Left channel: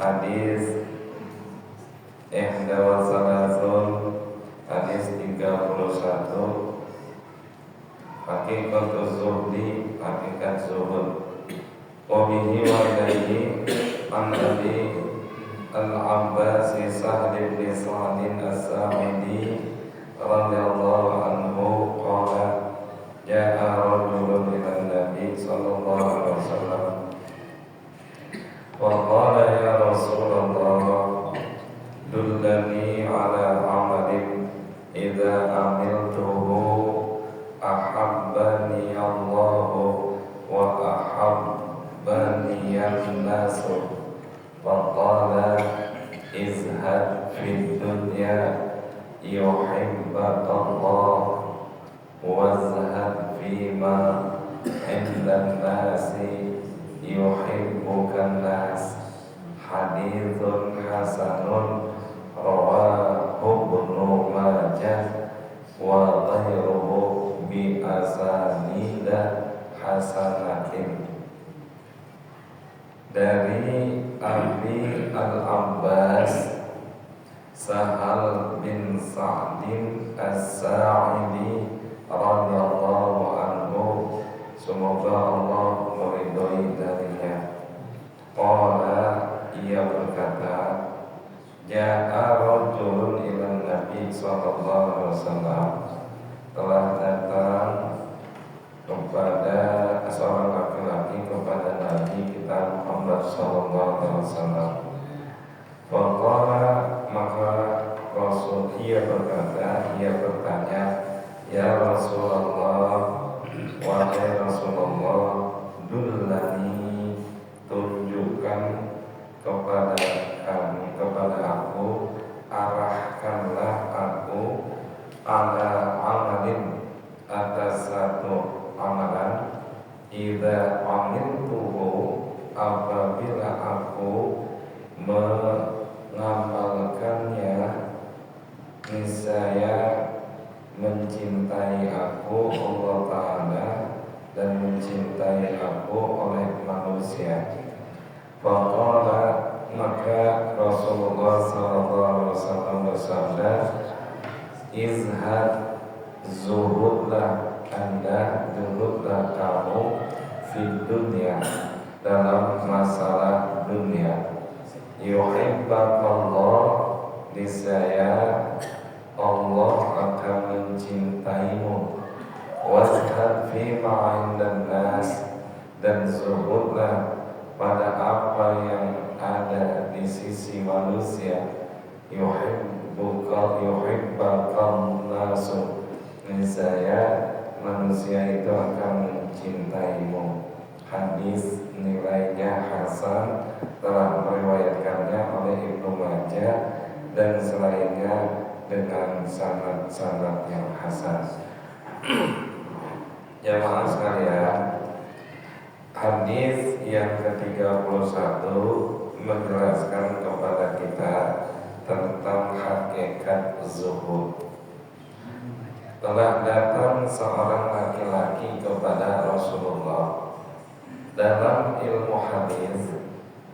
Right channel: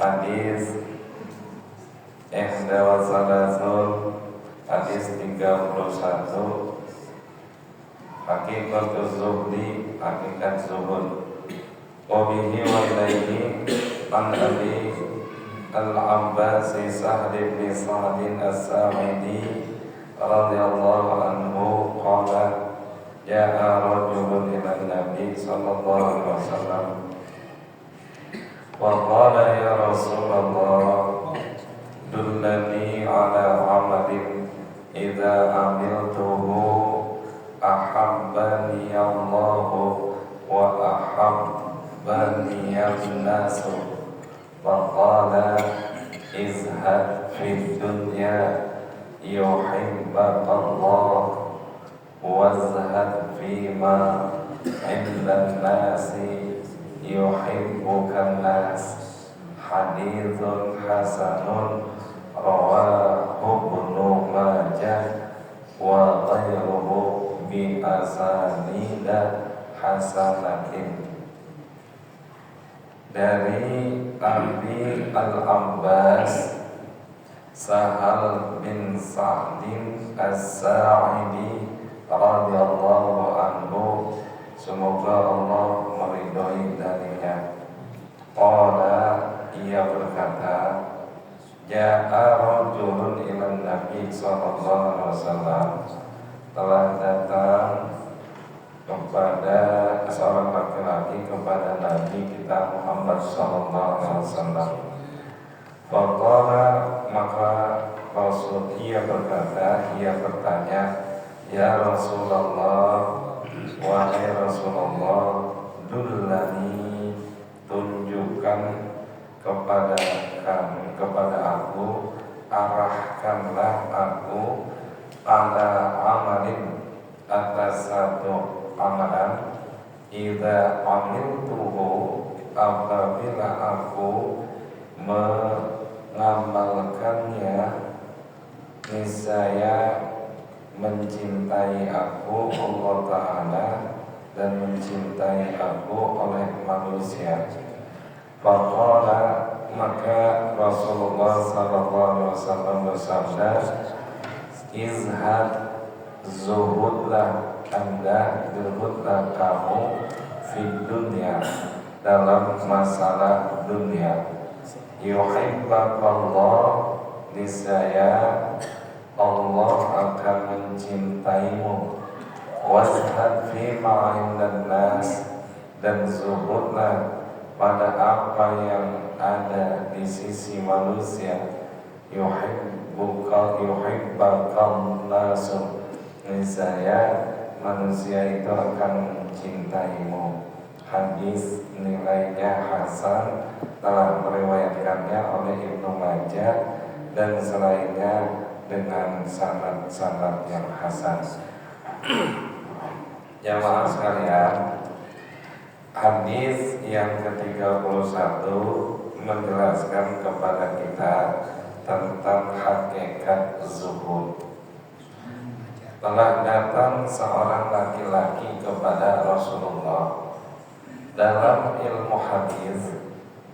Hadis Ihda Salasun, hadis 31. Hakikatul zuhdi, hakikat zuhud. Wabihi wa ilaihi an Abi Al-Abbas Sahl bin Sa'd As-Sa'idi radhiyallahu anhu qala ja'a rajulun ila Nabi sallallahu alaihi wasallam wa qala ya Rasulullah dullani ala amalin idza amiltuhu ahabbani Allahu wa ahabbani an-nasu wa qala izhad fid dunya yuhibbaka Allah wazhad fima indan nasi yuhibbukan nas. Hadithun hasanun rawahu Ibnu Majah wa ghairuhu bi asanida hasanatin. Dari Abi Al-Abbas Sahal bin Sa'din As-Sa'idi radhiyallahu anhu, semoga Allah meridhoi darinya. Qala, ia berkata, ja'a rajulun ila Nabi sallallahu alaihi wasallam, telah datang kepada seorang laki-laki kepada Nabi kita Muhammad sallallahu alaihi wasallam. Faqala, maka Rasul ia berkata, ia bertanya, ya Rasulullah, wahai Rasulullah, dullani, tunjukkan kepada kami, kepada aku, arahkanlah aku ala amalin, atas satu amalan, idza amiltuhu, apabila aku mengamalkannya, niscaya mencintai aku Allah Ta'ala dan mencintai aku oleh manusia. Faqala, maka Rasulullah sallallahu alaihi wasallam bersabda, izhad, zuhudlah Anda, zuhudlah kamu fid dunya, dalam masalah dunia. Yuhibbakallah, niscaya Allah akan mencintaimu. Wazhad fima indan nas, dan zuhudlah pada apa yang ada di sisi manusia. Yuhibbakan nasu, niscaya manusia itu akan mencintaimu. Hadis nilainya hasan, telah meriwayatkannya oleh Ibnu Majah dan selainnya dengan sanad yang hasan. Jamaah sekalian, hadis yang ke-31 menjelaskan kepada kita tentang hakikat zuhud. Telah datang seorang laki-laki kepada Rasulullah. Dalam ilmu hadis,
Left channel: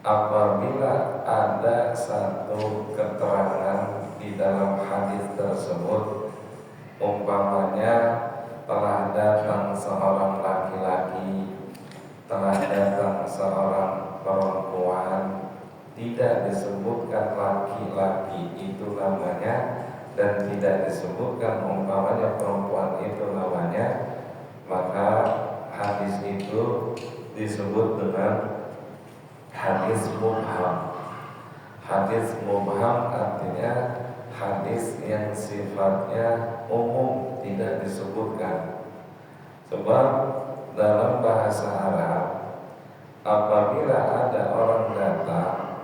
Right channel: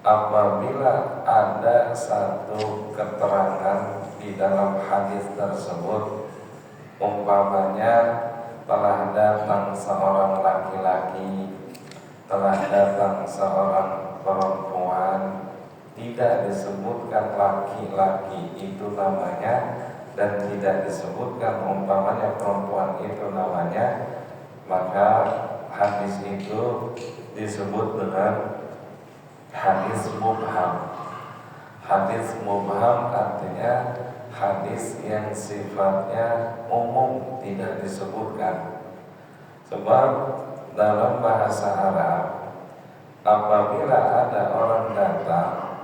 apabila ada satu keterangan di dalam hadis tersebut, umpamanya telah datang seorang laki-laki, telah datang seorang perempuan, tidak disebutkan laki-laki itu namanya dan tidak disebutkan umpamanya perempuan itu namanya, maka hadis itu disebut dengan hadis mubham. Hadis mubham artinya hadis yang sifatnya umum, tidak disebutkan. Sebab dalam bahasa Arab, apabila ada orang datang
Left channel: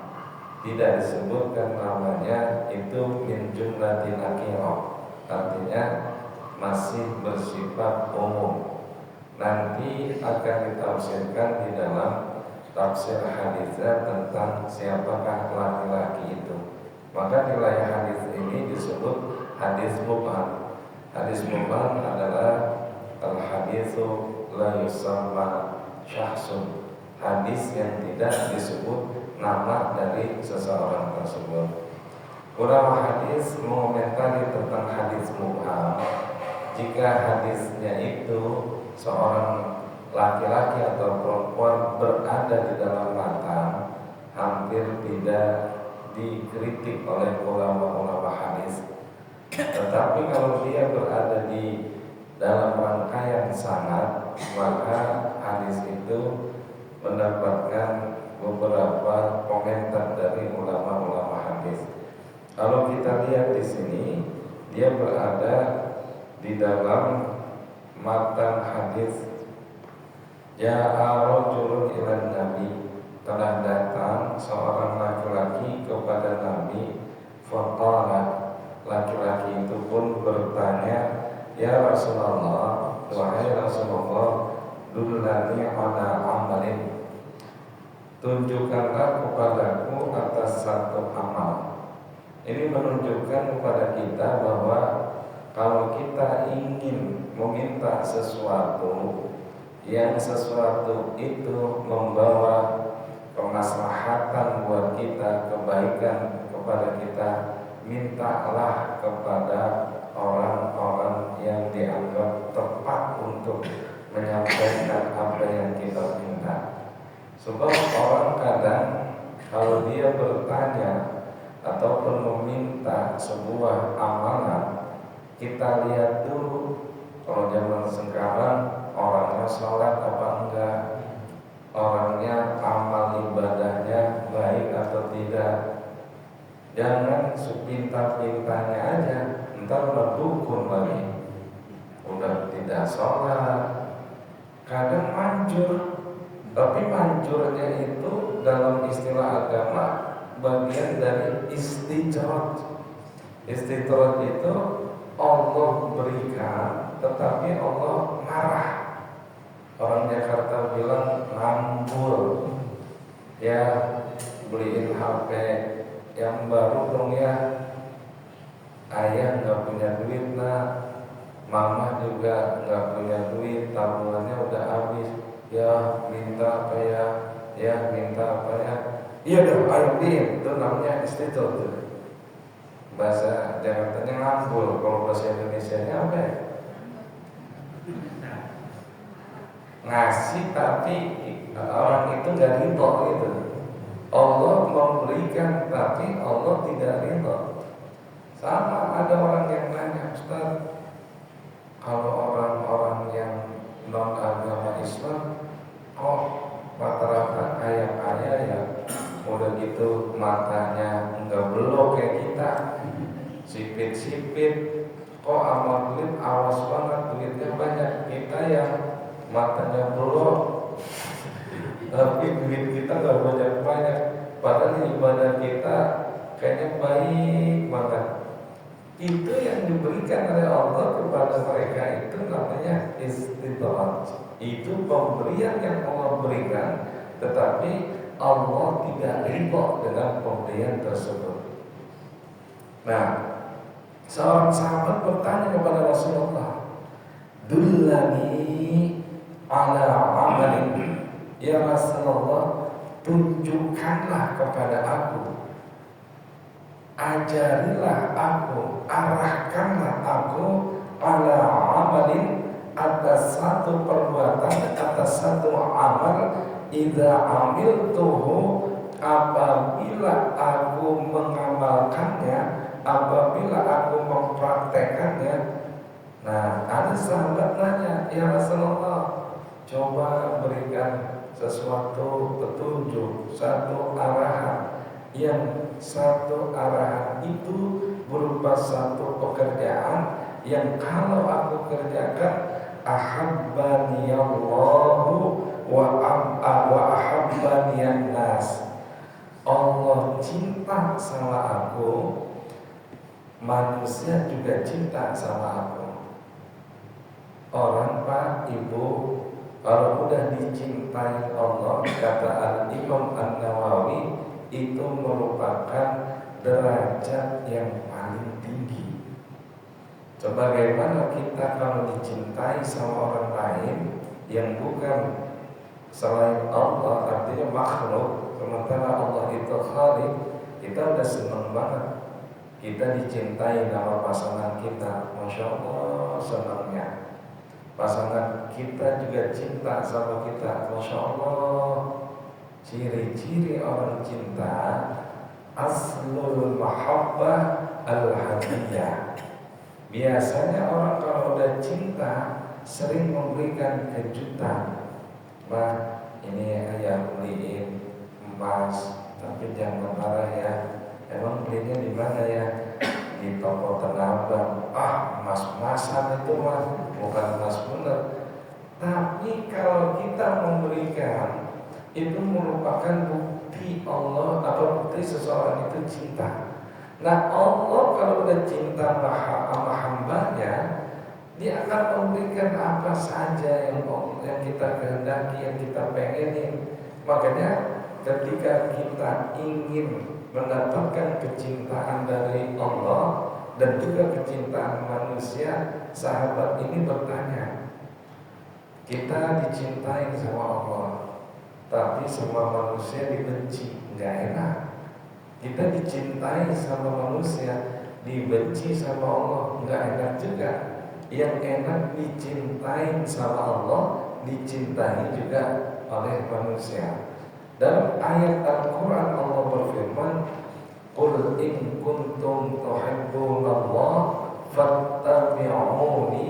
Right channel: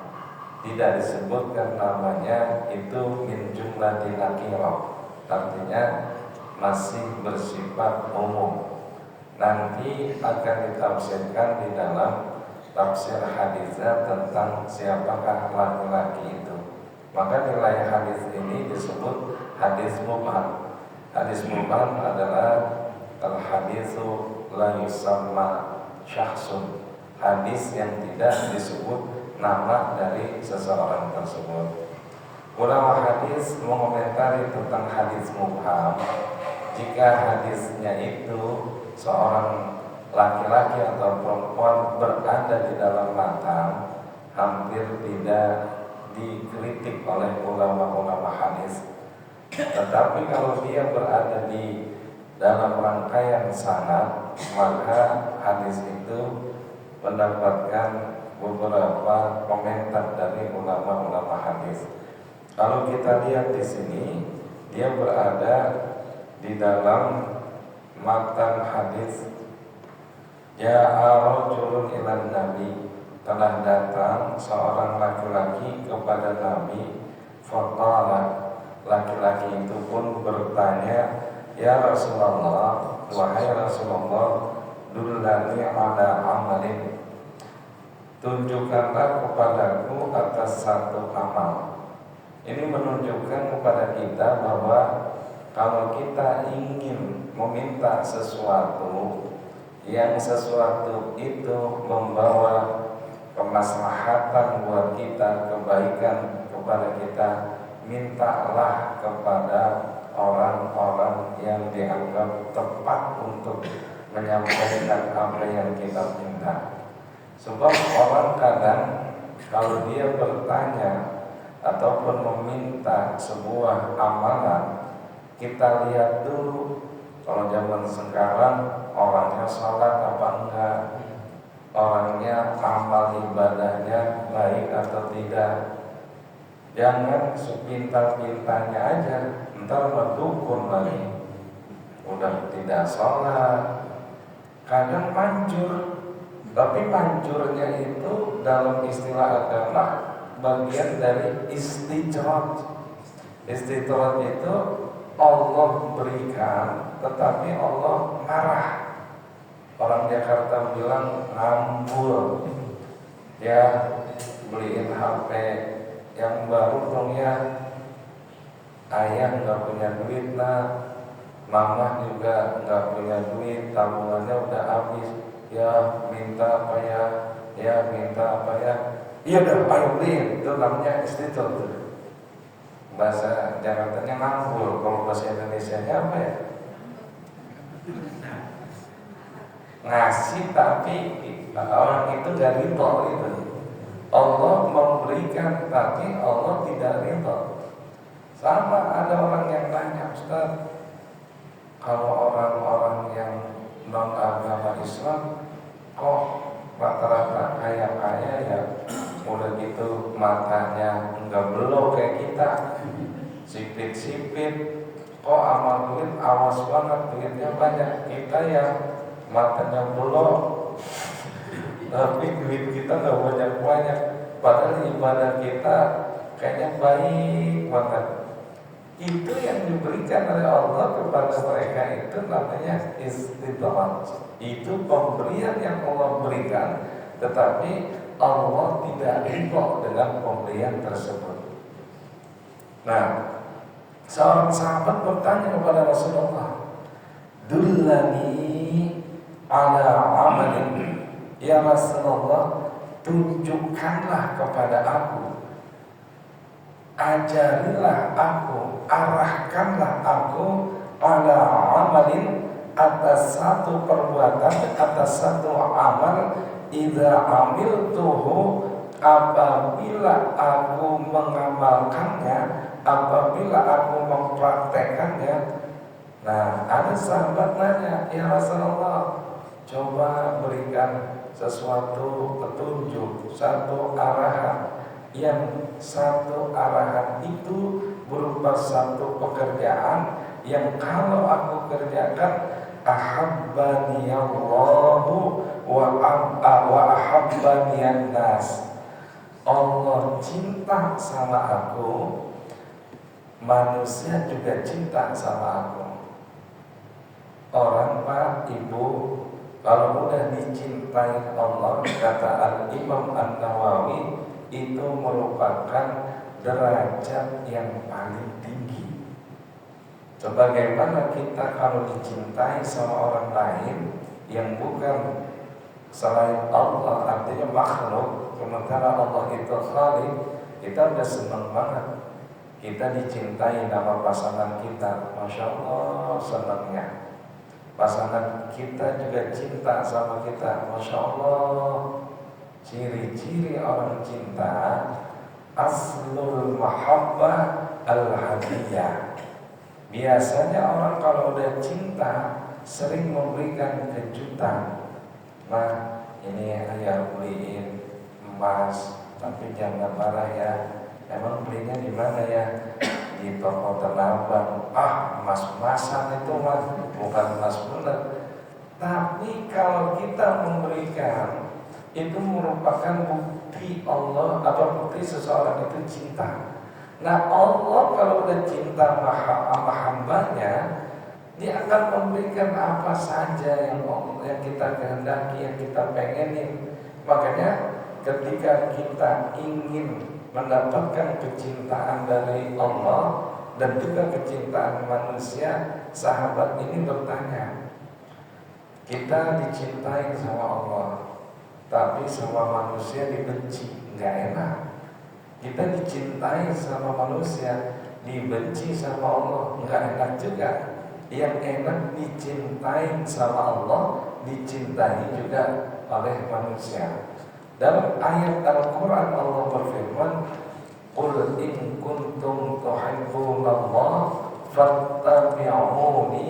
tidak disebutkan namanya, itu min jumlatil nakirah, artinya masih bersifat umum. Nanti akan ditafsirkan di dalam tafsir hadisnya tentang siapakah laki-laki itu. Maka nilai hadis ini disebut hadis mubham. Hadis mubham adalah al-haditsu la yusamma syakhsun, hadis yang tidak disebut nama dari seseorang tersebut. Ulama hadis mengomentari tentang hadis mubham. Jika hadisnya itu seorang laki-laki atau perempuan berada di dalam matan, hampir tidak dikritik oleh ulama-ulama hadis. Tetapi kalau dia berada di dalam rangkaian sanad, maka hadis itu mendapatkan beberapa komentar dari ulama-ulama hadis. Kalau kita lihat di sini, dia berada di dalam matan hadis. Ja'a rajulun ilan nabi, telah datang seorang laki-laki kepada Nabi. Faqala, laki-laki itu pun bertanya, ya Rasulullah, wahai Rasulullah, dullani ala amalin, tunjukkanlah kepadaku atas satu amal. Ini menunjukkan kepada kita bahwa kalau kita ingin meminta sesuatu, yang sesuatu itu membawa kemaslahatan buat kita, kebaikan kepada kita, mintalah kepada orang-orang yang dianggap tepat untuk menyampaikan apa yang kita minta. Sebab orang kadang kalau dia bertanya ataupun meminta sebuah amalan, kita lihat dulu kalau zaman sekarang orangnya sholat apa enggak, orangnya amal ibadahnya baik atau tidak. Jangan sepintar-pintarnya aja, ntar berdukun lagi, udah tidak sholat. Kadang manjur, tapi manjurnya itu dalam istilah agama bagian dari istijrat. Istijrat itu Allah berikan, tetapi Allah marah. Orang Jakarta bilang ngambul. Ya, beliin HP yang baru dong ya. Ayah nggak punya duit lah, mama juga nggak punya duit, tabungannya udah habis. Ya minta apa ya? Ya minta apa ya? Iya dah, ayo beliin. Itu namanya istijrat. Bahasa Jakartanya ngambul, kalau bahasa Indonesianya apa ya? Ngasih tapi orang itu gak ridho gitu. Allah memberikan tapi Allah tidak ridho. Sama ada orang yang nanya, Ustaz, kalau orang-orang yang non agama Islam kok rata-rata kaya-kaya ya, udah gitu matanya enggak belok kayak kita, sipit-sipit, kok amal duit awas banget, duitnya banyak. Kita yang matanya belok tapi duit kita nggak banyak-banyak, padahal ibadah kita kayaknya baik banget. Itu yang diberikan oleh Allah kepada mereka itu namanya istidrak. Itu pemberian yang Allah berikan, tetapi Allah tidak ridho dengan pemberian tersebut. Nah, seorang sahabat bertanya kepada Rasulullah, dullani ala amalin, ya Rasulullah, tunjukkanlah kepada aku, ajarilah aku, arahkanlah aku ala amalin, atas satu perbuatan, atas satu amal, idza amiltuhu, apabila aku mengamalkannya, apabila aku mempraktekannya. Nah, ada sahabat nanya, ya Rasulullah, coba berikan sesuatu petunjuk, satu arahan. Yang satu arahan itu berupa satu pekerjaan yang kalau aku kerjakan, ahabbani Allahu wa ahabbani nas, Allah cinta sama aku, manusia juga cinta sama aku. Orang Pak Ibu, kalau udah dicintai Allah, kata Al-Imam An-Nawawi, itu merupakan derajat yang paling tinggi. Sebagaimana kita kalau dicintai sama orang lain yang bukan selain Allah, artinya makhluk, Sementara Allah itu Khaliq, kita udah seneng banget. Kita dicintai sama pasangan kita, Masya Allah senangnya. Pasangan kita juga cinta sama kita, Masya Allah. Ciri-ciri orang cinta, aslul mahabbah al-hadiyah. Biasanya orang kalau udah cinta sering memberikan kejutan. Nah, ini ayah beliin emas, tapi jangan marah ya. Emang belinya di mana ya? Di toko Tanah Abang. Emas-emasan itu mas, bukan emas bener. Tapi kalau kita memberikan, itu merupakan bukti Allah, bukti seseorang itu cinta. Nah, Allah kalau udah cinta sama hambanya, Dia akan memberikan apa saja yang kita kehendaki, yang kita pengenin. Makanya ketika kita ingin mendapatkan kecintaan dari Allah dan juga kecintaan manusia, sahabat ini bertanya, kita dicintai sama Allah, tapi sama manusia dibenci, nggak enak. Kita dicintai sama manusia, dibenci sama Allah, nggak enak juga. Yang enak dicintai sama Allah, dicintai juga oleh manusia. Dalam ayat Al-Quran Allah berfirman, Qul in kuntum tuhibbunallah fattabi'uni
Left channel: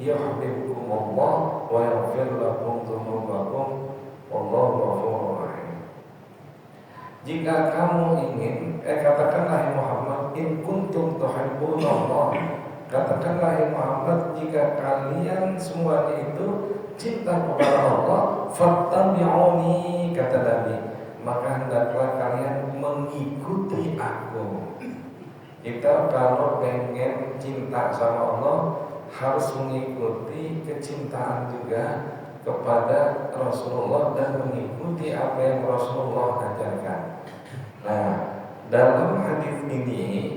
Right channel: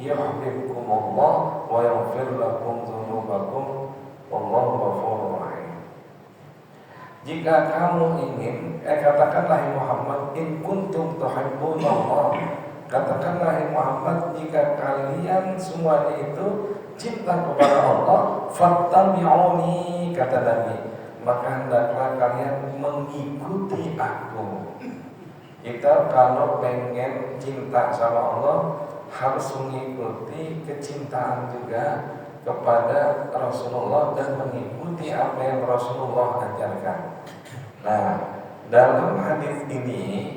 yuhibbukumullah wa yaghfir lakum dzunubakum wallahu ghafurur rahim. Jika kamu ingin, katakanlah Muhammad, in kuntum tuhibbunallah, katakanlah Muhammad, jika kalian semuanya itu cinta kepada Allah, fattabi'uni, kata Nabi, maka hendaklah kalian mengikuti aku. Kita kalau pengen cinta sama Allah harus mengikuti kecintaan juga kepada Rasulullah dan mengikuti apa yang Rasulullah ajarkan. Nah, dalam hadis ini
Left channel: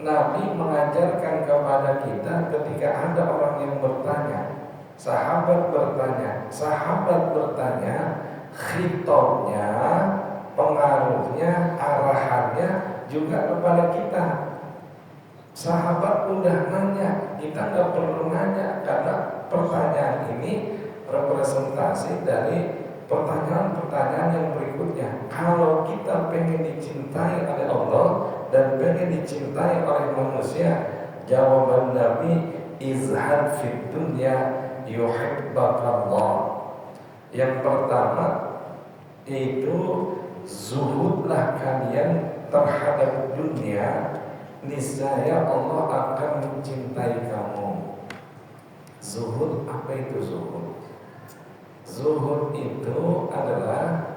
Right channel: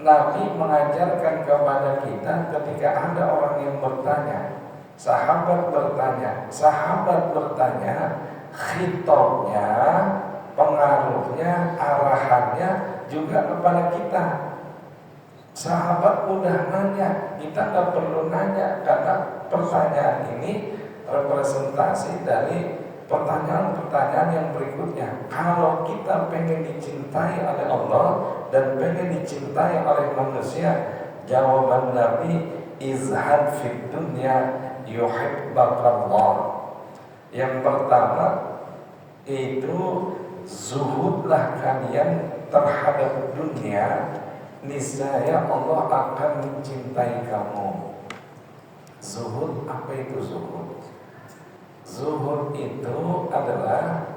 Nabi mengajarkan kepada kita ketika ada orang yang bertanya, sahabat bertanya, khitabnya, pengaruhnya, arahannya juga kepada kita. Sahabat udah nanya, kita nggak perlu nanya karena pertanyaan ini representasi dari pertanyaan-pertanyaan yang berikutnya. Kalau kita pengen dicintai oleh Allah dan pengen dicintai oleh manusia, jawaban Nabi, izhad fid dunya yuhibbakallah. Yang pertama itu zuhudlah kalian terhadap dunia, niscaya Allah akan mencintai kamu. Zuhud, apa itu zuhud? Zuhud itu adalah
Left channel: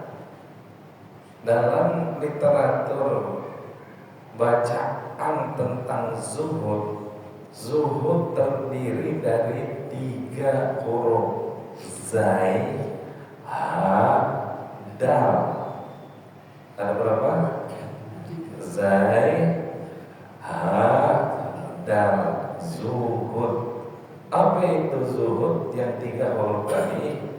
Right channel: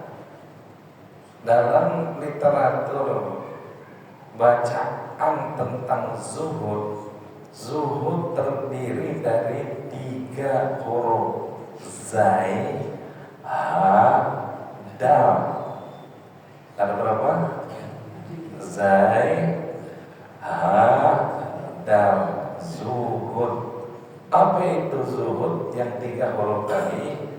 dalam literatur bacaan tentang zuhud. Zuhud terdiri dari 3 huruf, zai, ha, dal. Ada berapa? Zai, ha, dal. Zuhud. Apa itu zuhud? Yang 3 huruf tadi.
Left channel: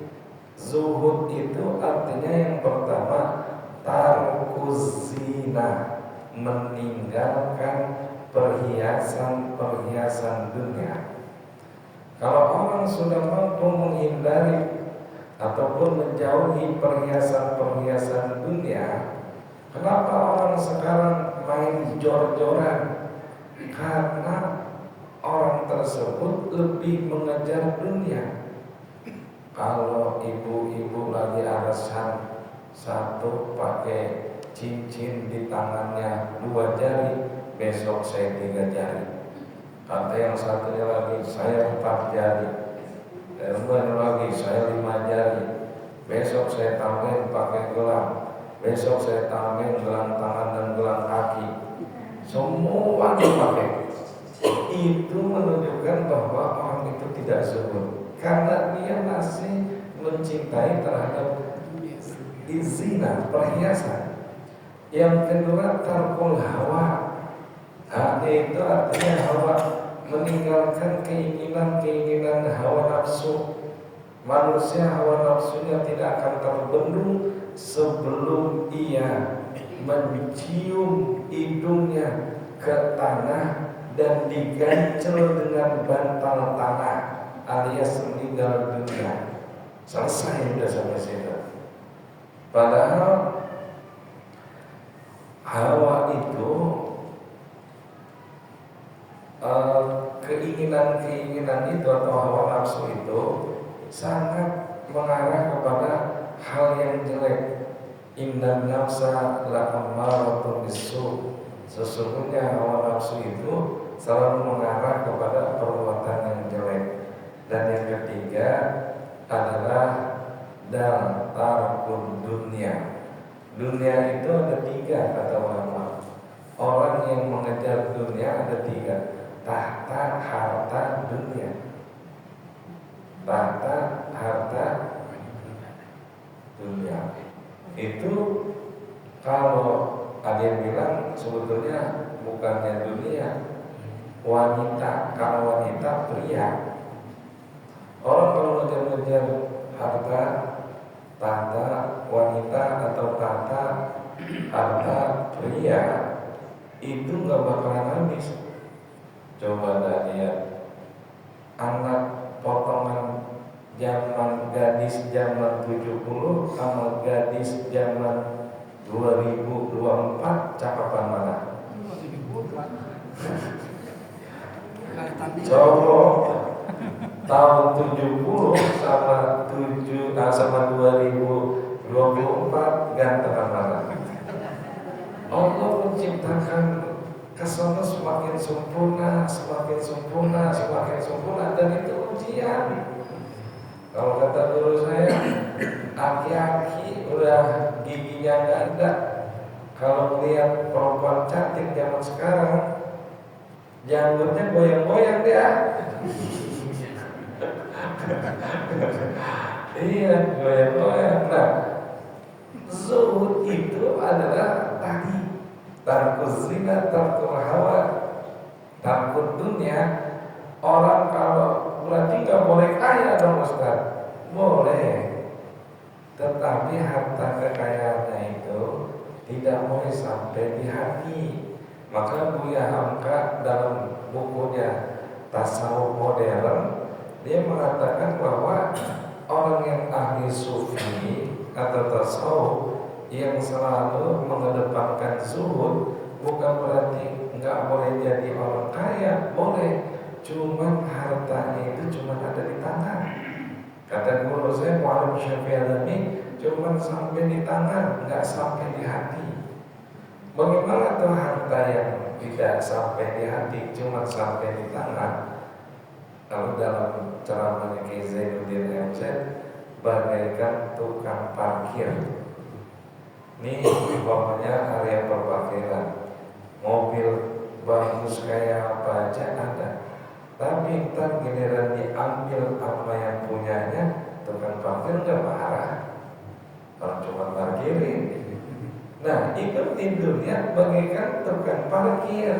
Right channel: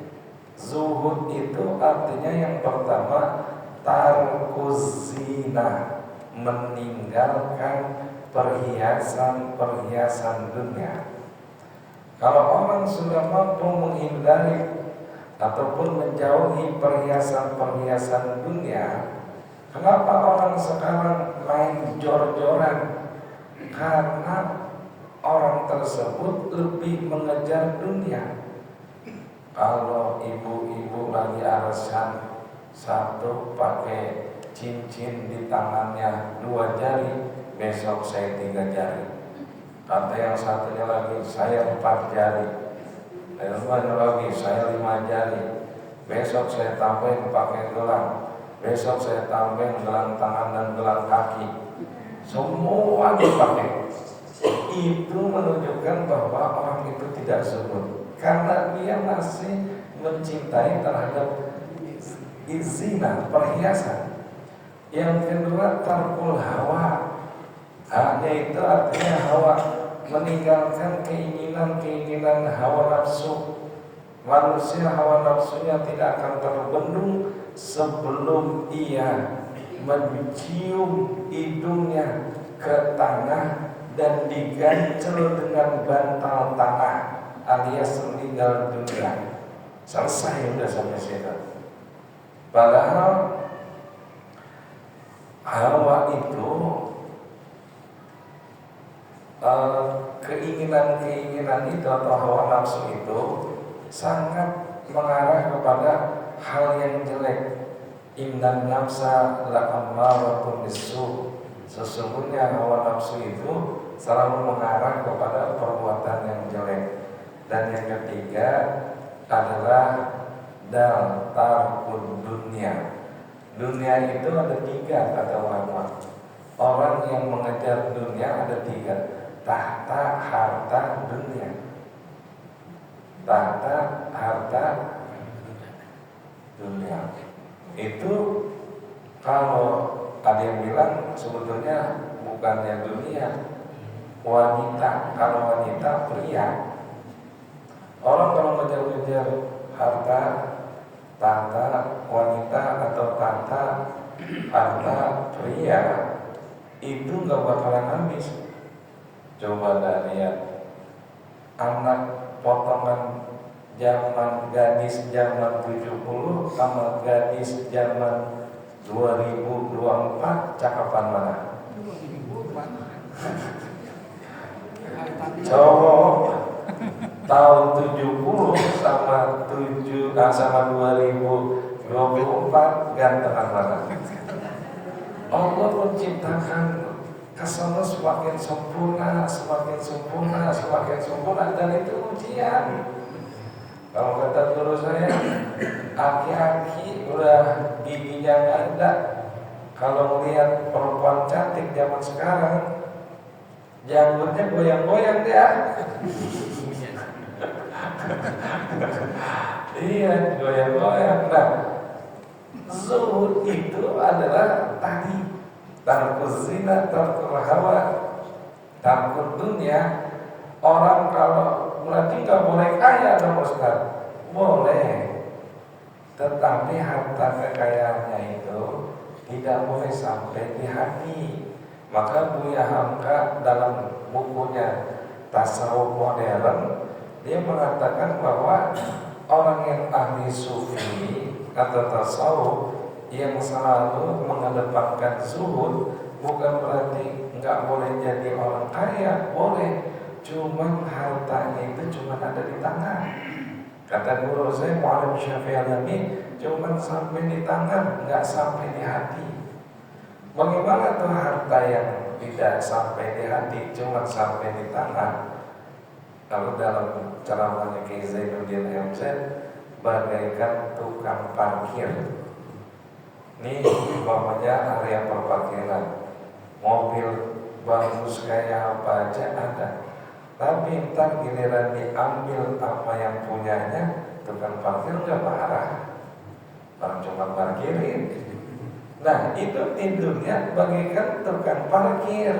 Zuhud itu artinya yang pertama, tarkuz zina, meninggalkan perhiasan-perhiasan dunia. Kalau orang sudah mampu menghindari ataupun menjauhi perhiasan-perhiasan dunia, kenapa orang sekarang main jor-joran? Karena orang tersebut lebih mengejar dunia. Kalau ibu-ibu lagi arisan, satu pakai cincin di tangannya 2 jari, besok saya 3 jari. Kata yang satunya lagi, saya 4 jari. Yang lagi, saya 5 jari. Besok saya tambahin pakai gelang. Besok saya tambahin gelang tangan dan gelang kaki. Semua dipakai. Itu menunjukkan bahwa orang itu tidak zuhud, karena dia masih mencintai terhadap zina, perhiasan. Yang kedua, tarkul hawa. Itu artinya hawa, meninggalkan keinginan-keinginan hawa nafsu. Manusia hawa nafsunya tidak akan terbendung sebelum ia mencium hidungnya ke tanah dan digancel dengan bantal tanah alias meninggal dunia. Selesai udah sampai situ. Padahal Hawa itu keinginan-keinginan itu atau hawa nafsu itu sangat mengarah kepada hal yang jelek. Innan nafsa la'ammaratun bisu. Sesungguhnya hawa nafsu itu selalu mengarah kepada perbuatan yang jelek. Dan yang ketiga adalah tarkun dunia. Dunia itu ada tiga kata ulama. Orang yang mengejar dunia ada tiga: tahta, harta, dunia. Tahta, harta, dunia. Itu kalau ada yang bilang sebetulnya bukannya dunia, wanita. Kalau wanita pria. Orang kalau ngejar-ngejar harta, tahta, wanita atau tahta, harta, pria, itu nggak bakalan habis. Coba lihat anak potongan zaman gadis zaman 70 sama gadis zaman 2024, cakapan mana? Cowok tahun 70 sama 2024 gantengan mana? Allah menciptakan kesana semakin sempurna, semakin sempurna, semakin sempurna, dan itu ujian. Kalau kata guru saya, aki-aki udah giginya nggak ada. Kalau melihat perempuan cantik zaman sekarang, janggutnya goyang-goyang dia. Iya, goyang-goyang. Nah, zuhud itu adalah tadi tarkuz zina, tarkul hawa, tarkul dunia. Orang kalau berarti nggak boleh kaya dong Ustaz? Boleh, tetapi harta kekayaannya itu tidak boleh sampai di hati. Maka Buya Hamka dalam bukunya Tasawuf Modern, dia mengatakan bahwa orang yang ahli sufi atau tasawuf yang selalu mengedepankan zuhud bukan berarti nggak boleh jadi orang kaya, boleh. Cuman hartanya itu cuma ada di tangan. Kata guru saya Mu'alim Syafi'i Alami, cuma sampai di tangan, nggak sampai di hati. Bagaimana tuh harta yang tidak sampai di hati, cuma sampai di tangan? Kalau dalam ceramahnya Kiai Zainuddin MZ, bagaikan tukang parkir. Ini umpamanya area parkiran, mobil bagus kayak apa aja ada. Tapi entar giliran diambil apa yang punyanya, tukang parkir nggak marah, orang cuma parkirin. Nah itu tidurnya bagaikan tukang parkir.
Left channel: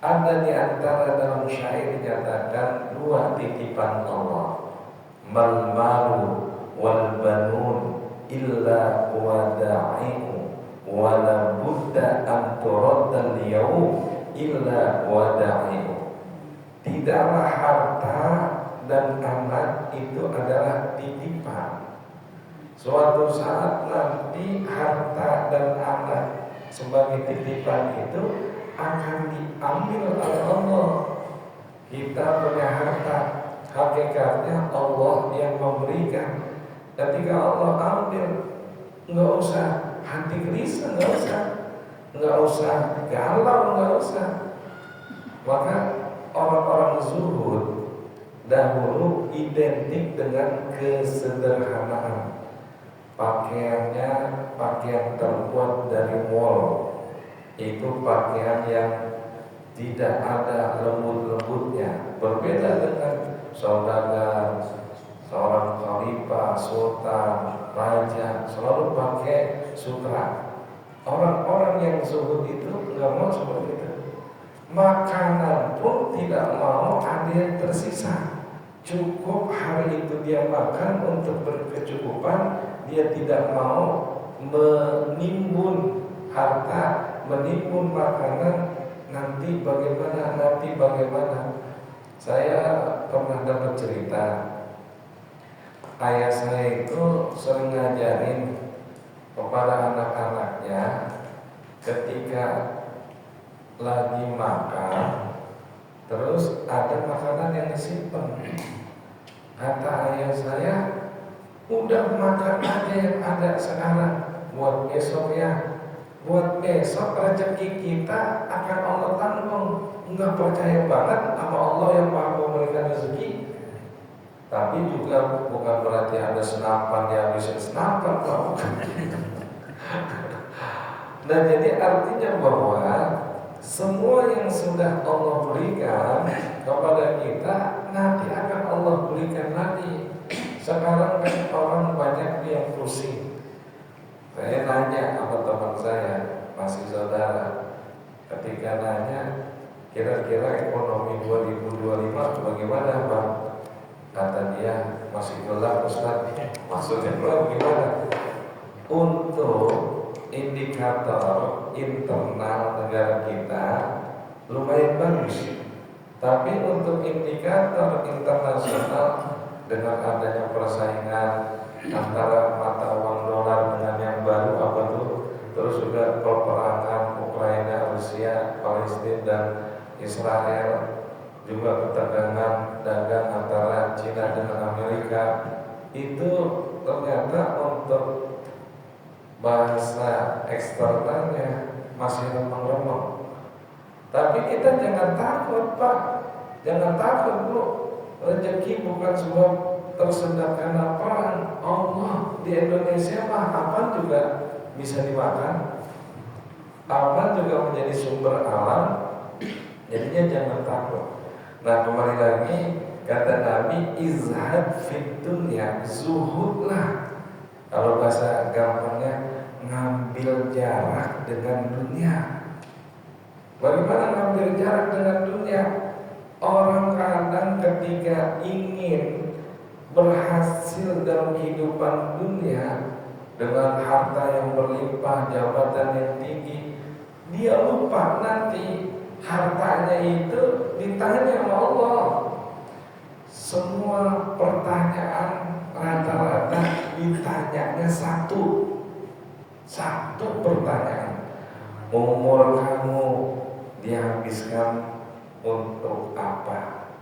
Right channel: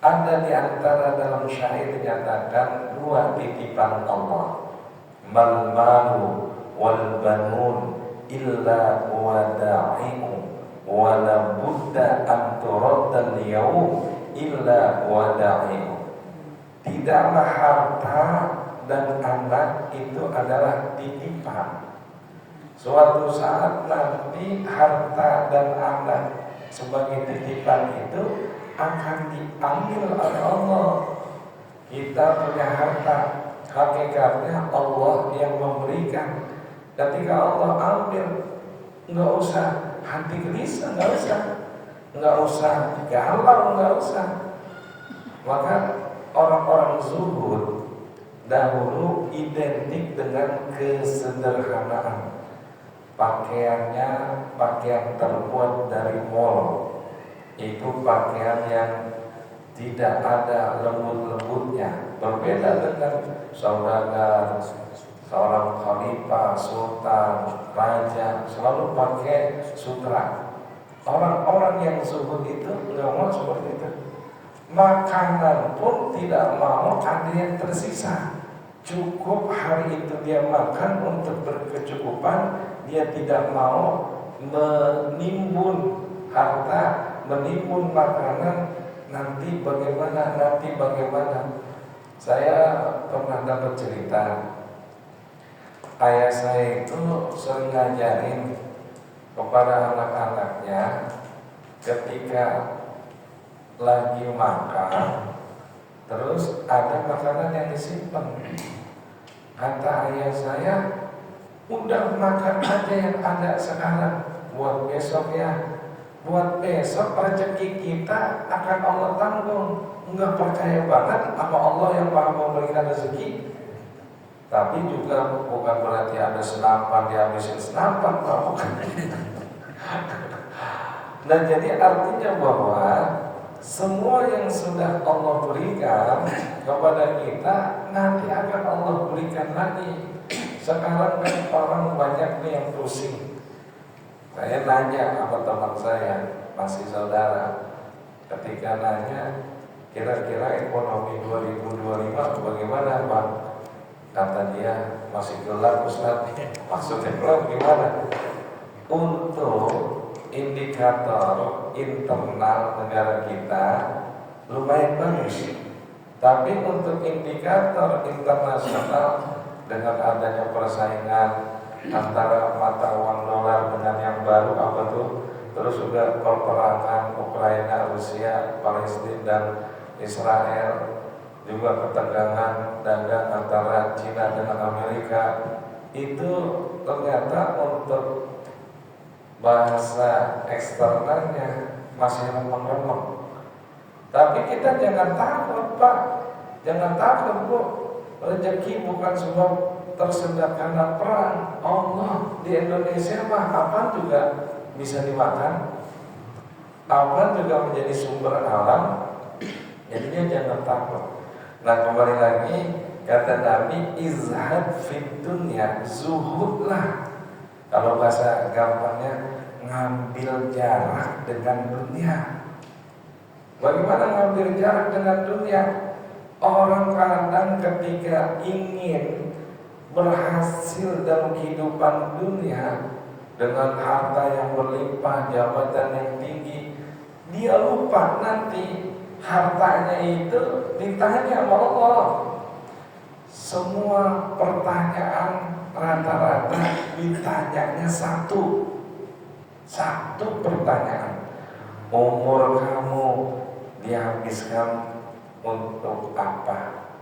Ada di antara dalam syair dinyatakan dua titipan Allah, mal malu wal banun illa wada'i'u wala budda an turaddal yaum illa wada'i'u. Tidaklah harta dan anak itu adalah titipan. Suatu saat nanti harta dan anak sebagai titipan itu akan diambil oleh Allah. Kita punya harta, hakikatnya Allah yang memberikan. Ketika Allah ambil, nggak usah hati gelisah, nggak usah galau, nggak usah. Maka orang-orang zuhud dahulu identik dengan kesederhanaan. Pakaiannya pakaian terbuat dari wol. Itu pakaian yang tidak ada lembut-lembutnya. Berbeda dengan saudagar, seorang khalifah, sultan, raja, selalu pakai sutra. Orang-orang yang zuhud itu nggak mau seperti itu. Makanan pun tidak mau ada yang tersisa. Cukup hari itu dia makan untuk berkecukupan, dia tidak mau menimbun harta, menimbun makanan, nanti bagaimana. Saya pernah dapat cerita, ayah saya itu sering ngajarin kepada anak-anaknya ketika lagi makan, terus ada makanan yang disimpan. Kata ayah saya, udah makan aja yang ada sekarang, buat besok ya. Buat besok rezeki kita akan Allah tanggung. Enggak percaya banget sama Allah yang maha memberikan rezeki. Tapi juga bukan berarti ada senapan dihabisin senapan, bukan. Nah, jadi artinya bahwa semua yang sudah Allah berikan kepada kita nanti akan Allah berikan lagi. Sekarang kan orang banyak yang pusing. Saya nanya sama teman saya, masih saudara, ketika nanya kira-kira ekonomi 2025 bagaimana Bang? Kata dia, masih gelap Ustaz. Maksudnya gelap gimana? Untuk indikator internal negara kita lumayan bagus, tapi untuk indikator internasional dengan adanya persaingan antara mata uang dolar dengan yang baru apa tuh, terus juga peperangan Ukraina, Rusia, Palestina dan Israel, juga ketegangan dagang antara Cina dengan Amerika, itu ternyata untuk bahasa eksternalnya masih remeng-remeng. Tapi kita jangan takut Pak, jangan takut Bu, rezeki bukan sebab tersendat karena perang. Allah di Indonesia mah apa juga bisa dimakan, apa juga menjadi sumber alam. Jadinya jangan takut. Nah, kembali lagi kata Nabi, izhad fid dunya, zuhudlah. Kalau bahasa gampangnya, ngambil jarak dengan dunia. Bagaimana ngambil jarak dengan dunia? Orang kadang ketika ingin berhasil dalam kehidupan dunia dengan harta yang berlimpah, jabatan yang tinggi, dia lupa nanti hartanya itu ditanya sama Allah. Semua pertanyaan rata-rata ditanyanya satu pertanyaan. Umur kamu dihabiskan untuk apa?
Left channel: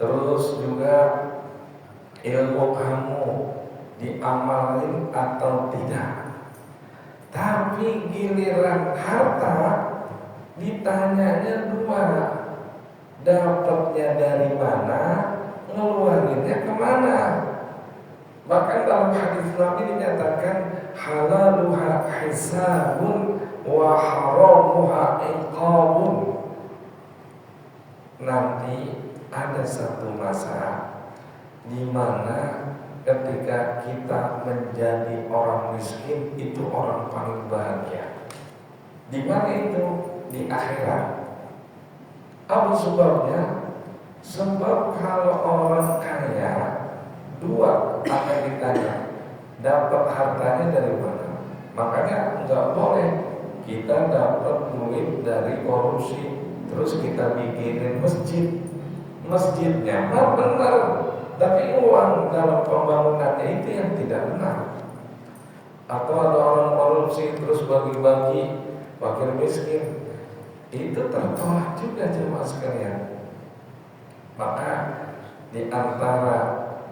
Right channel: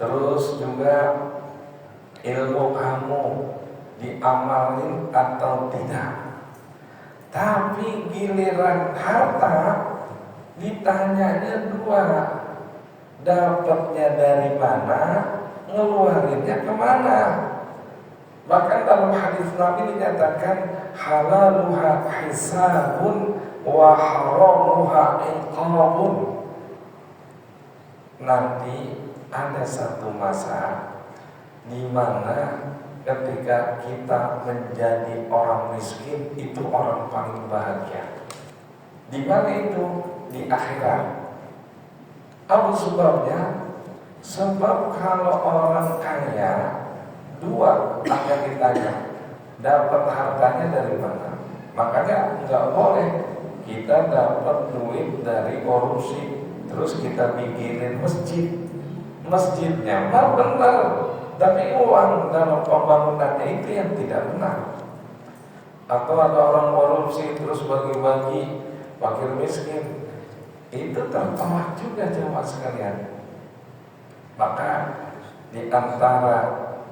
Terus juga ilmu kamu diamalin atau tidak? Tapi giliran harta ditanyanya dua, dapatnya dari mana, ngeluarinnya kemana. Bahkan dalam hadis Nabi dinyatakan halaluha hisabun wa haramuha iqabun. Nanti ada satu masa di mana ketika kita menjadi orang miskin itu orang paling bahagia. Di mana itu? Di akhirat. Apa sebabnya? Sebab kalau orang kaya dua akan ditanya, dapat hartanya dari mana? Makanya nggak boleh kita dapat duit dari korupsi terus kita bikinin masjidnya mah benar, tapi uang dalam pembangunannya itu yang tidak benar. Atau ada orang korupsi terus bagi-bagi fakir miskin, itu tertolak juga jemaah sekalian. Maka di antara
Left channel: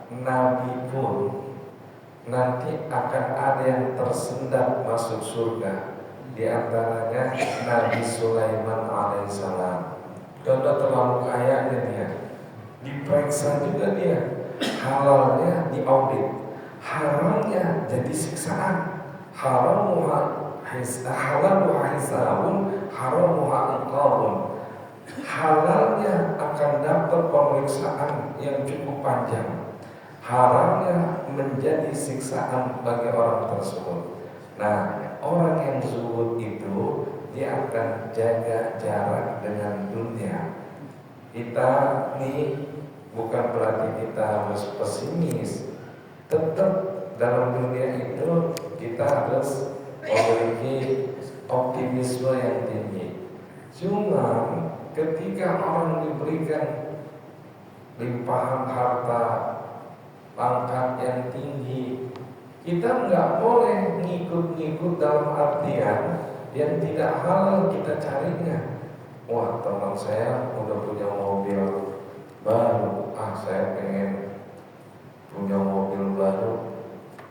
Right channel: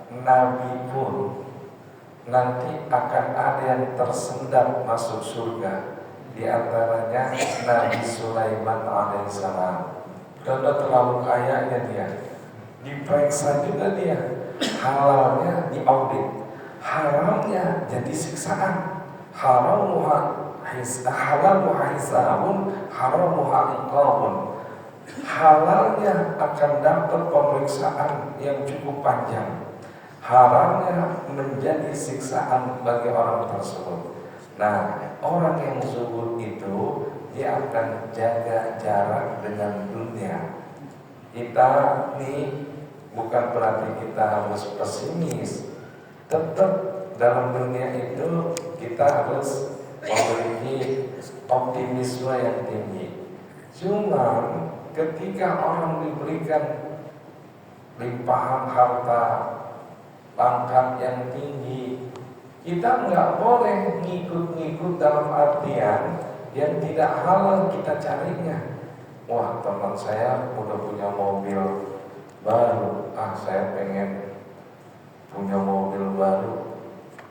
nabi pun nanti akan ada yang tersendat masuk surga. Di antaranya Nabi Sulaiman alaihissalam. Karena terlalu kayanya dia, diperiksa juga dia, halalnya diaudit, haramnya jadi siksaan. Halaluha hisabun, haramuha iqabun. Halalnya akan dapat pemeriksaan yang cukup panjang, haramnya menjadi siksaan bagi orang tersebut. Nah, orang yang zuhud itu dia akan jaga jarak dengan dunia. Kita nih bukan berarti kita harus pesimis, tetap dalam dunia itu kita harus memiliki optimisme yang tinggi. Cuma ketika orang diberikan limpahan harta, pangkat yang tinggi, kita nggak boleh ngikut-ngikut dalam artian yang tidak halal kita carinya. Wah, teman saya udah punya mobil baru, saya pengen punya mobil baru.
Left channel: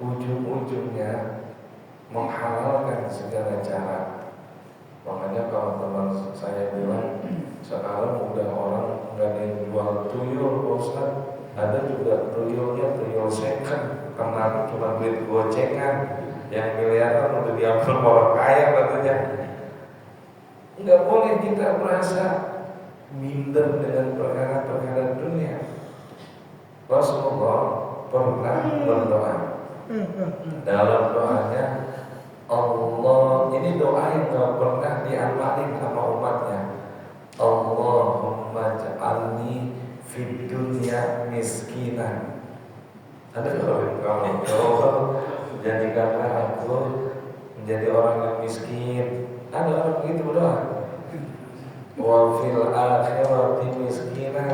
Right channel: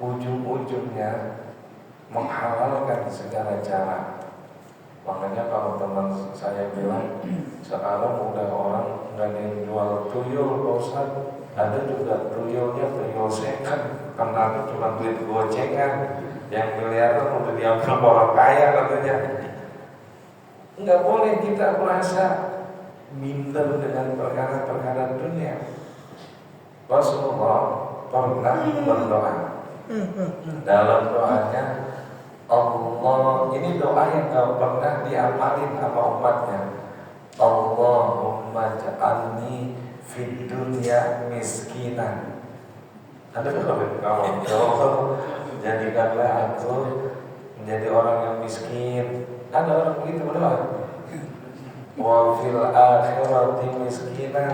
Ujung-ujungnya menghalalkan segala cara. Makanya kalau teman saya bilang, sekarang udah orang nggak ada yang jual tuyul, bosan. Ada juga tuyulnya tuyul second, karena cuma duit gocengan. Yang miliaran udah diambil orang kaya katanya. Nggak boleh kita merasa minder dengan perkara-perkara dunia. Rasulullah pernah berdoa. Dalam doanya, Allah, ini doa yang gak pernah diamalin sama umatnya. Allahumma ja'alni fid dunya miskinan. Ada kalau jadikanlah aku menjadi orang yang miskin. Ada orang begitu berdoa. Wa fil akhirati miskinan,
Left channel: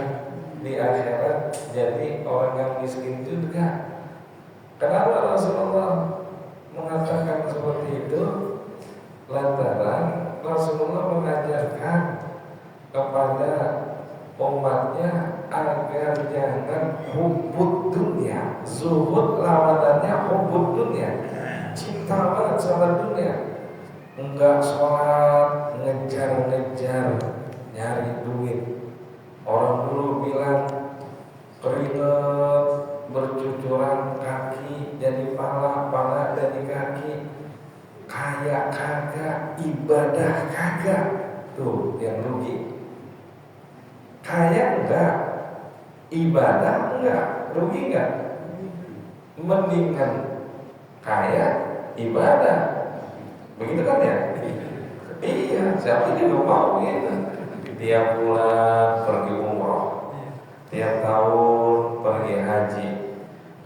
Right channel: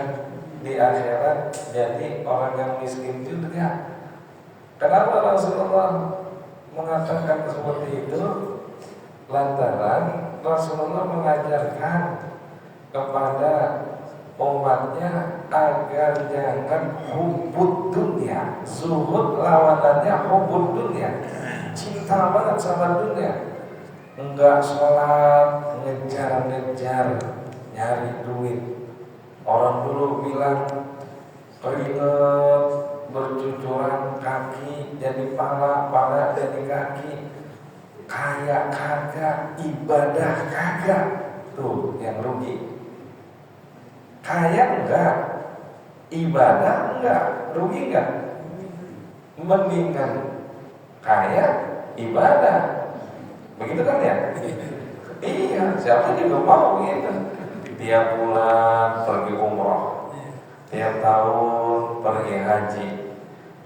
di akhirat jadi orang yang miskin juga. Kenapa Rasulullah mengatakan seperti itu? Lantaran Rasulullah mengajarkan kepada umatnya agar jangan hubud dunia. Zuhud lawanannya hubud dunia. Cinta banget sama dunia. Enggak sholat, ngejar-ngejar, nyari duit. Orang dulu bilang keringat bercucuran kaki jadi pala, pala jadi kaki. Kaya kagak, ibadah kagak. Tuh yang rugi. Kaya enggak, ibadah enggak, rugi enggak? Mendingan kaya, ibadah. Begitu kan ya? Iya, siapa juga mau gitu. Tiap bulan pergi umroh, tiap tahun pergi haji,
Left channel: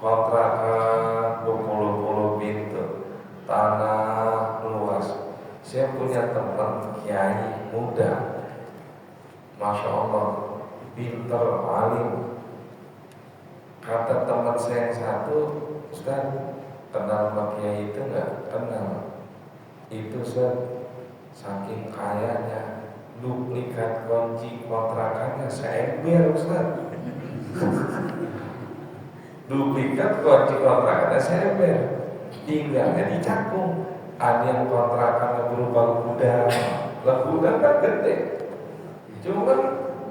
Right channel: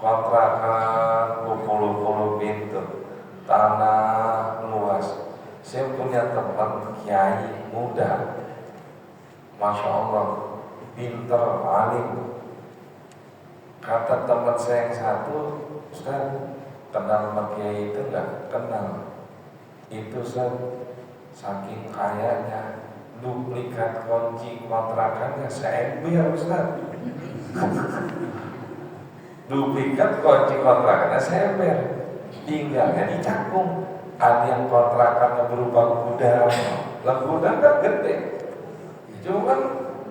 kontrakan berpuluh-puluh pintu, tanah luas. Saya punya teman kiai muda, masya Allah, pinter, alim. Kata teman saya yang satu, Ustaz, kenal sama kiai itu enggak? Kenal. Itu Ustaz, saking kayanya, duplikat kunci kontrakannya seember Ustaz. Duplikat kunci kontrakannya seember, tinggalnya di Cakung. Ada yang kontrakannya berupa gudang, lah gudang kan gede. Cuman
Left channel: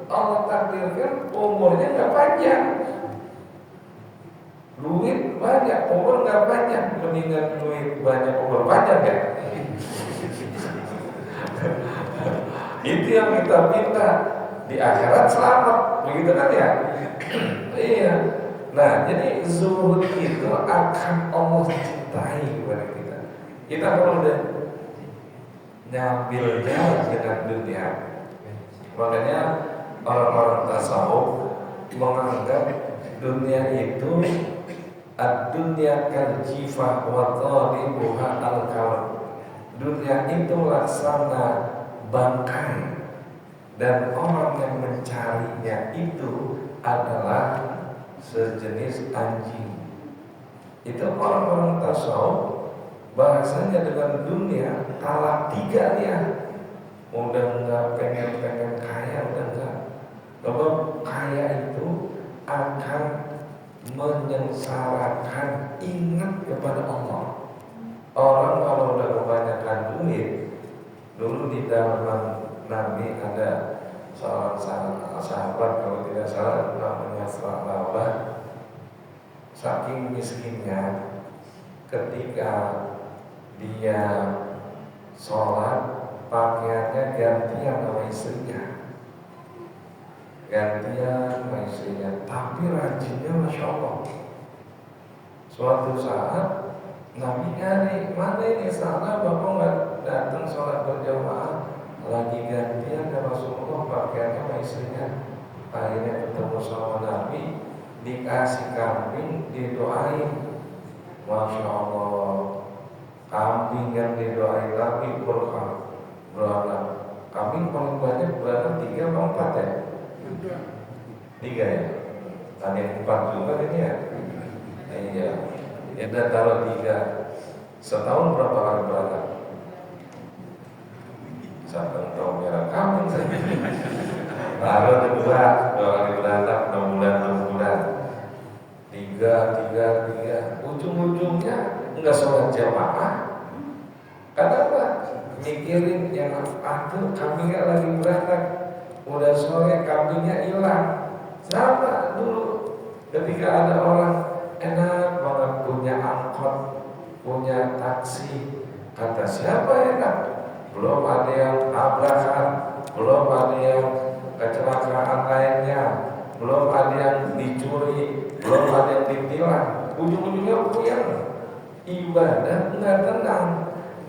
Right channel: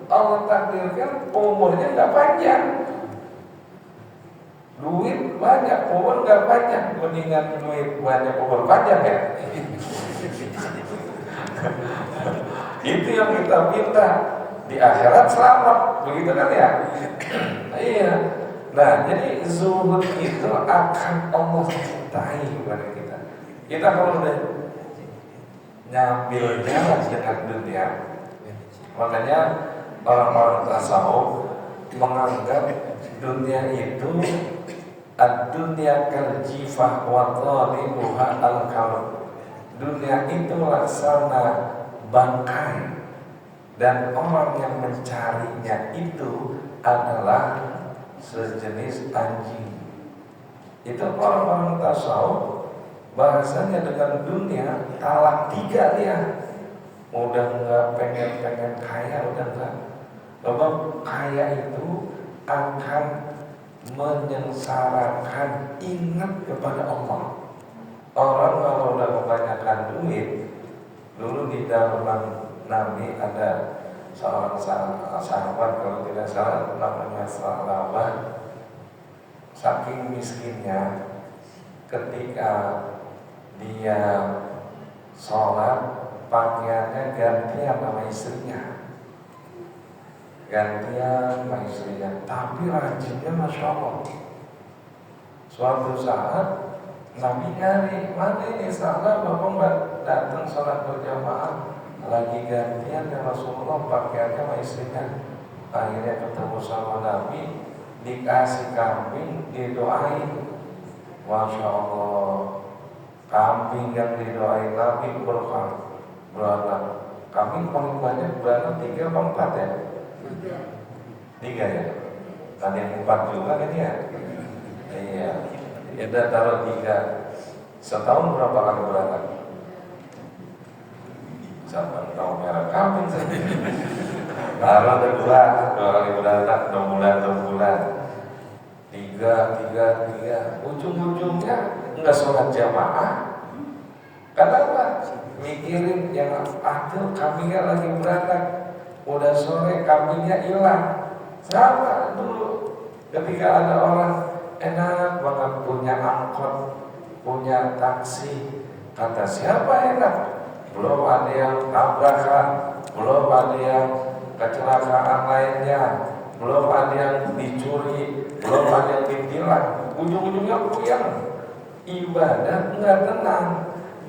Allah takdirkan umurnya nggak panjang. Duit banyak, umur nggak panjang. Mendingan duit banyak, umur panjang ya. Itu yang kita minta. Di akhirat selamat, begitu kan ya? Iya. Nah, jadi zuhud itu akan Allah cintai kepada kita. Kita kalau udah nyambil jalan dengan dunia, makanya orang-orang tasawuf menganggap dunia itu ad-dunya kal-jifah wa talibuha al-kawan. Dunia itu laksana bangkai, dan orang yang mencarinya itu adalah sejenis anjing. Itu orang-orang tasawuf bahasanya dengan dunia talak 3 dia. Udah enggak pengen kaya, udah enggak. Sebab kaya itu akan menyengsarakan, ingat kepada Allah. Orang kalau udah kebanyakan duit, dulu di dalam Nabi ada seorang sahabat kalau tidak salah namanya Salabah. Saking miskinnya, ketika dia sholat pakaiannya gantian sama istrinya, tapi rajinnya masya Allah. Suatu saat Nabi nyari, mana ini salah bapak nggak datang sholat berjamaah, lagi gantian ya Rasulullah pakaiannya sama istrinya. Akhirnya ketemu sama Nabi, dikasih kambing, didoain. Masya Allah, kambing yang didoain Nabi beranak. Kambing paling banyak beranak 3 atau 4 ya? 3 ya? Tadi 4 juga ini ya? Iya. Ya udah taruh 3. Setahun berapa kali beranak? Siapa tahu merah kambing saja. Taruh 2 kali beranak 6 bulan. 3. Ujung-ujungnya enggak sholat jamaah. Kenapa? Mikirin yang aduh kambingnya lagi beranak, udah sore kambingnya hilang. Sama dulu ketika ada orang enak banget punya angkot, punya taksi, kata siapa enak? Belum ada yang tabrakan, belum ada yang kecelakaan lainnya, belum ada yang dicuri, belum ada yang ditilang. Ujung-ujungnya puyeng, ibadah nggak tenang.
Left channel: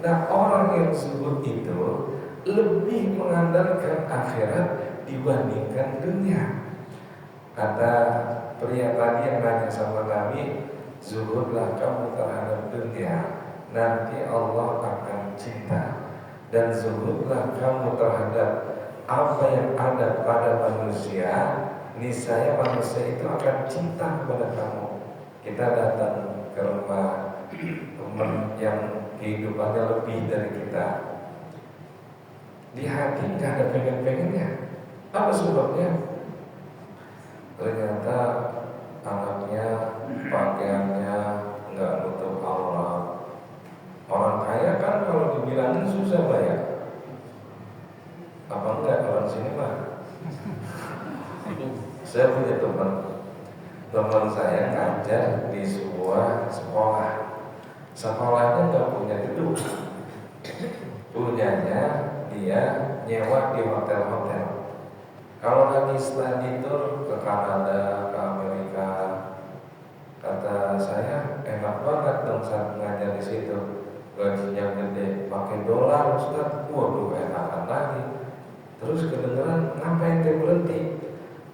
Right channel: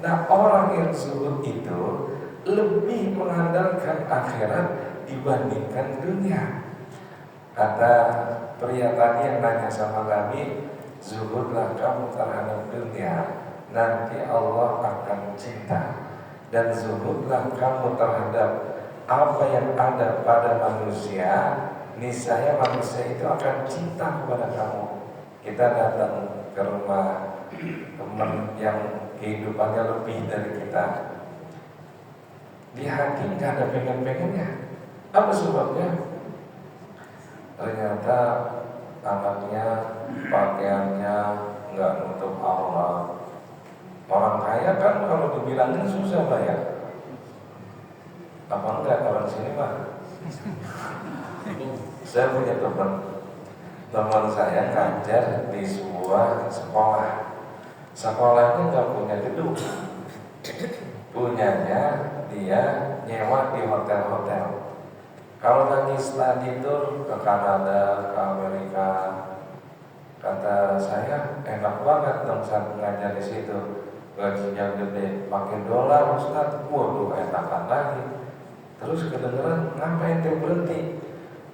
Nah, orang yang zuhud itu lebih mengandalkan akhirat dibandingkan dunia. Kata pria tadi yang nanya sama Nabi, zuhudlah kamu terhadap dunia, nanti Allah akan cinta. Dan zuhudlah kamu terhadap apa yang ada pada manusia, niscaya manusia itu akan cinta kepada kamu. Kita datang ke rumah teman yang kehidupannya lebih dari kita, di hati nggak ada pengen-pengennya. Apa sebabnya? Ternyata anaknya pakaiannya nggak nutup aurat. Orang kaya kan kalau dibilangin susah bayar. Apa enggak orang sini Pak? Saya punya teman saya ngajar di sebuah sekolah. Sekolahnya nggak punya gedung, punyanya dia nyewa di hotel-hotel. Kalau lagi studi tur ke Kanada, ke Amerika, kata saya enak banget dong saya ngajar di situ. Gajinya gede, pakai dolar Ustaz, waduh enakan lagi. Terus kedengeran ngapain dia berhenti?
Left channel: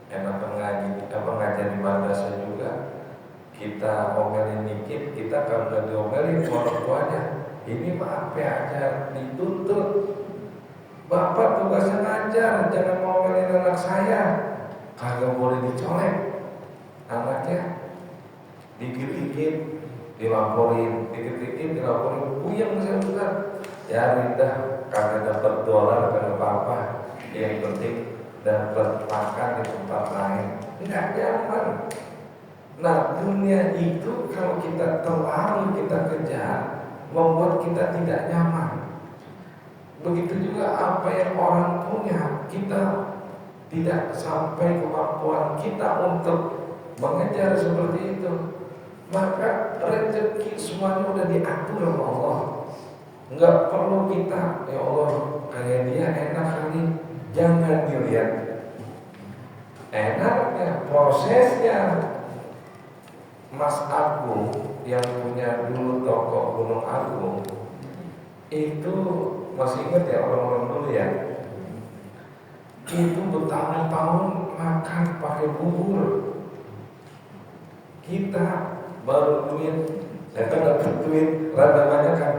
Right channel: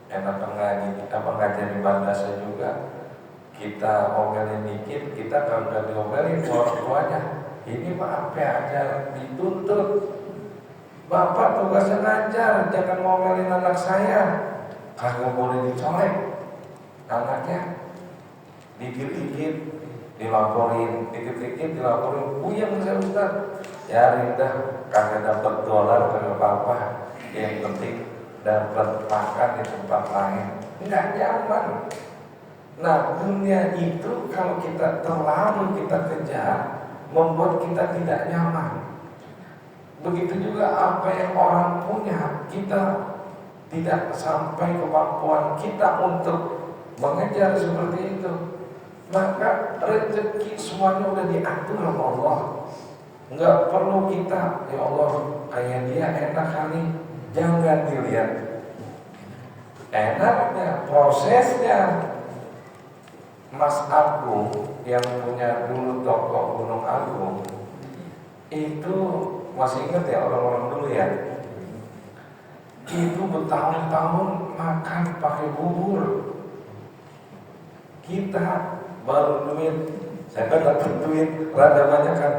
Enak ngajar di bahasa juga. Kita omelin dikit, kita kalau nggak diomelin orang tuanya, ini mah apa aja dituntut. Bapak tugasnya ngajar, jangan ngomelin anak saya. Kagak boleh dicolek anaknya. Dikit-dikit dilaporin, puyeng saya Ustaz. Ya rindah, karena dapat dolar karena apa? Yang penting dapat makan di tempat lain. Nggak nyaman. Nah, dunia itu kalau kita terlalu kita kejar, membuat kita tidak nyaman. Begitu juga apa yang orang punya, kita tidak sampai kemampuan kita untuk mengejar seperti itu. Maka rezeki semuanya udah diatur sama Allah. Enggak perlu kita, ya Allah kayak dia enak kali. Jangan dilihat enaknya, prosesnya. Mas Agung yang punya dulu toko Gunung Agung itu masih ingat ya orang-orang dulu ya, itu bertahun-tahun makan pakai bubur. Kita baru duit, saya kan dapat duit rada banyak kan,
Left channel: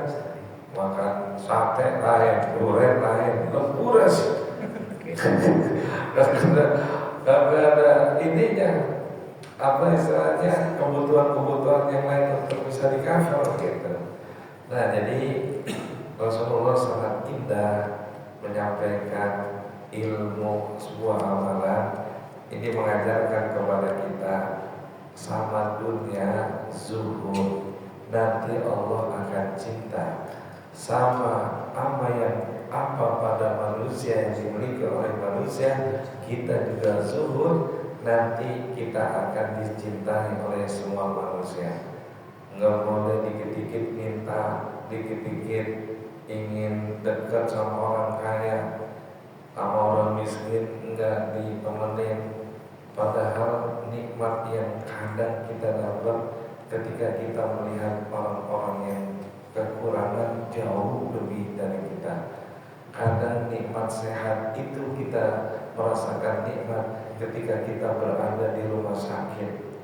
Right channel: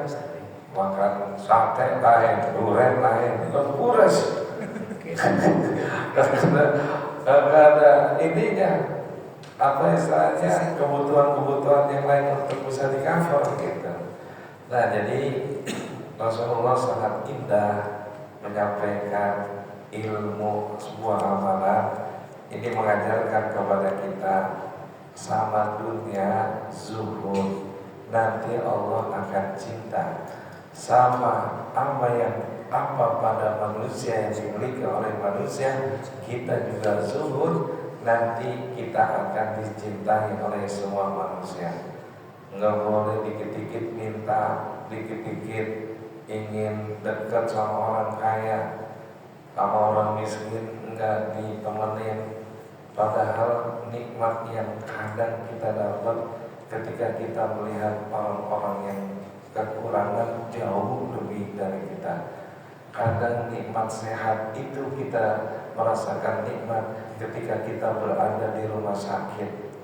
makan sate lain, durian lain, lempuras. Karena ada ininya, apa istilahnya, kebutuhan-kebutuhan yang lain untuk bisa di-cover gitu. Nah, jadi Rasulullah sangat indah menyampaikan ilmu sebuah amalan. Ini mengajarkan kepada kita sama dunia zuhud, nanti Allah akan cinta. Sama apa pada manusia yang dimiliki oleh manusia, kita juga zuhud, nanti kita akan dicintai oleh semua manusia. Nggak boleh dikit-dikit minta, dikit-dikit ingin dekat sama orang kaya, sama orang miskin enggak ditemenin. Padahal nikmat yang kadang kita dapat ketika kita melihat orang-orang yang kekurangan jauh lebih dari kita. Kadang nikmat sehat itu kita merasakan nikmat ketika kita berada di rumah sakit.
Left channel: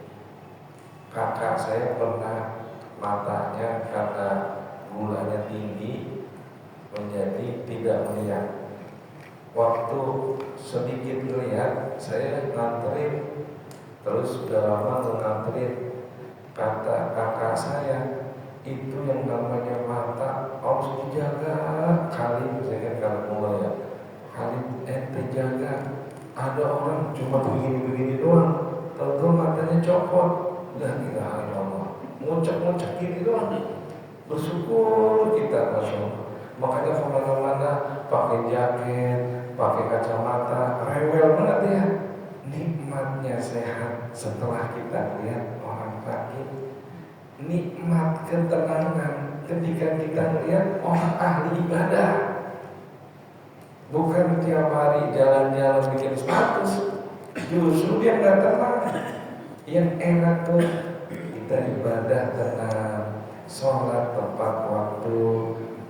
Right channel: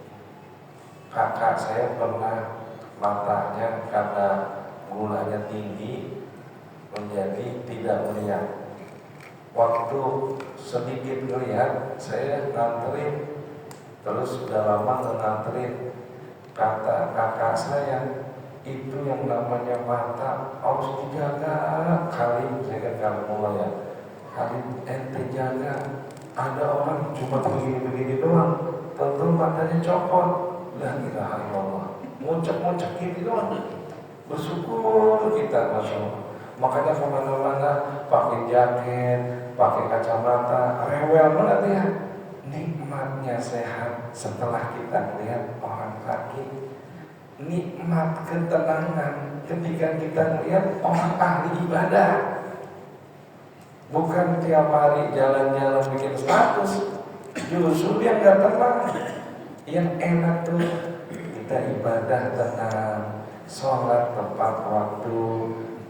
Kakak saya pernah matanya karena gulanya tinggi menjadi tidak melihat. Waktu sedikit melihat, saya nganterin, terus udah lama nganterin. Kata kakak saya, itu yang namanya mata harus dijaga. Kali saya kalau mulai ya, kali ente jaga. Ada orang cuma begini-begini doang, tentu matanya copot. La ilaha illallah, muncak-muncak gini doang. Bersyukur kita, masya Allah. Makanya kemana-mana pakai jaket, pakai kacamata, rewel banget ya. Nikmatnya sehat setelah kita lihat orang sakit. Nikmat ketenangan ketika kita lihat orang ahli ibadah. Bukan tiap hari jalan-jalan bikin status, justru dia nggak tenang. Yang enak tuh kita ibadah tenang, sholat tepat waktu,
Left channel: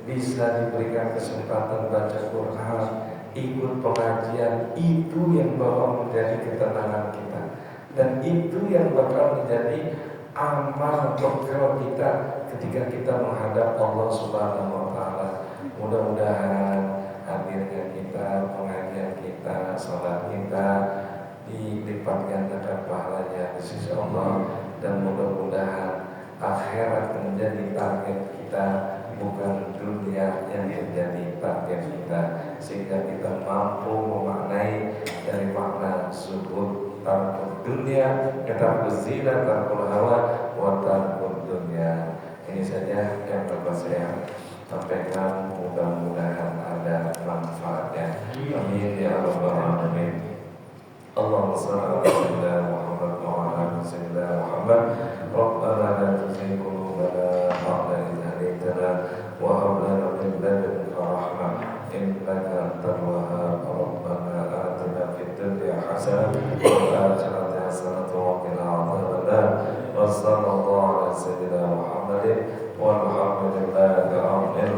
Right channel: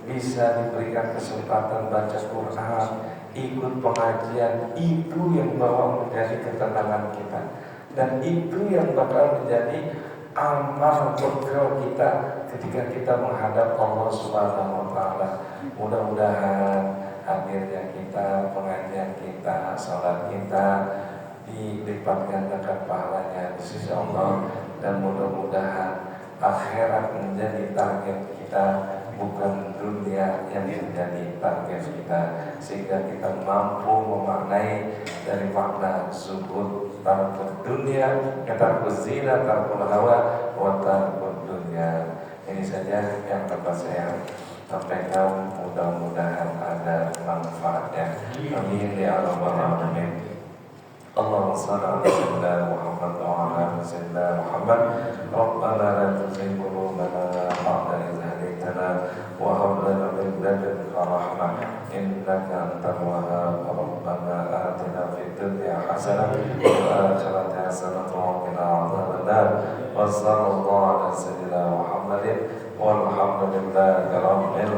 bisa diberikan kesempatan baca Quran, ikut pengajian. Itu yang bawa menjadi ketenangan kita, dan itu yang bakal menjadi amal bekal kita ketika kita menghadap Allah Subhanahu wa Ta'ala. Mudah-mudahan hadirnya kita, pengajian kita, salat kita dilipat gandakan pahalanya di sisi Allah, dan mudah-mudahan akhirat menjadi target kita, bukan dunia yang menjadi target kita, sehingga kita mampu memaknai dari makna zuhud, tarkul dunia, tarkul zina, tarkul hawa, wa tarkul dunia. Ini saja yang dapat saya sampaikan, mudah-mudahan ada manfaatnya. Amin ya rabbal alamin. Allahumma shalli ala Muhammad wa ala sayyidina Muhammad. Rabbana la tuzigh qulubana ba'da idh hadaytana wa hab lana min ladunka rahmah innaka antal wahhab. Rabbana atina fid dunya hasanah wa fil akhirati hasanah wa qina adzabannar. Wa sallallahu ala sayyidina Muhammadin walhamdulillahi rabbil alamin.